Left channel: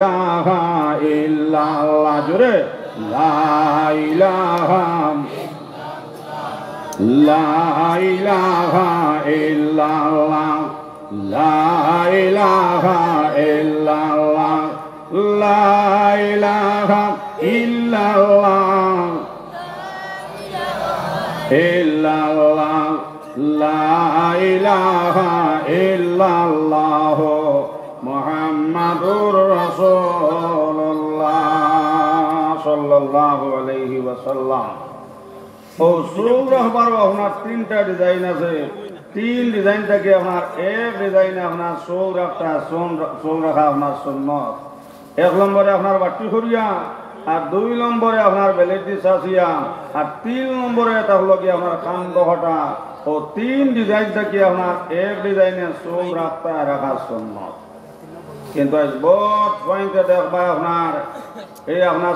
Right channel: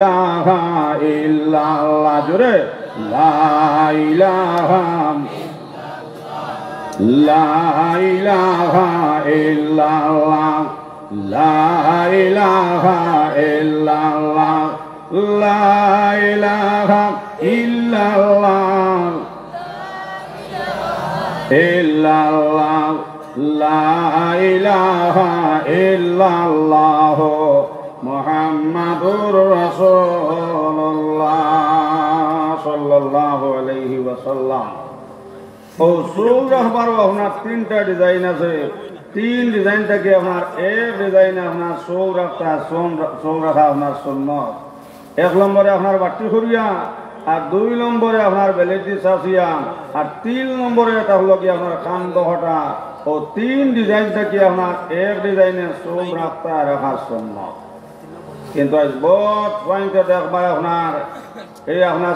ইলাহা ইল্লাল্লাহ জোরে লা ইলাহা ইল্লাল্লাহ লা ইলাহা ইল্লাল্লাহ লা ইলাহা ইল্লাল্লাহ ইল্লাল্লাহ লা ইলাহা ইল্লাল্লাহ মুহাম্মাদুর রাসূলুল্লাহ সাল্লাল্লাহু আলাইহি ওয়াসাল্লাম। ও সুর রাখবার আপনার তিনটা ডিজাইন আছে। তিন ডিজাইন থেকে আপনার এক ডিজাইনে আপনার সুর রাখা সুর রাখা আপনার সুন্নত। এক নম্বরে আপনার বাটি করিয়া, আর দুই নম্বরে আপনার বেলেটি চাচিয়া, আর তিন নম্বরে এটা হলো কি আপনার কান্দ হটা। ও তিন ডিজাইন থেকে আপনার এক ডিজাইনে সুর রাখা রাখা সুন্নত। কিন্তু আজ বহুত পয়েন্টে দেখবা আপনার এই আপনার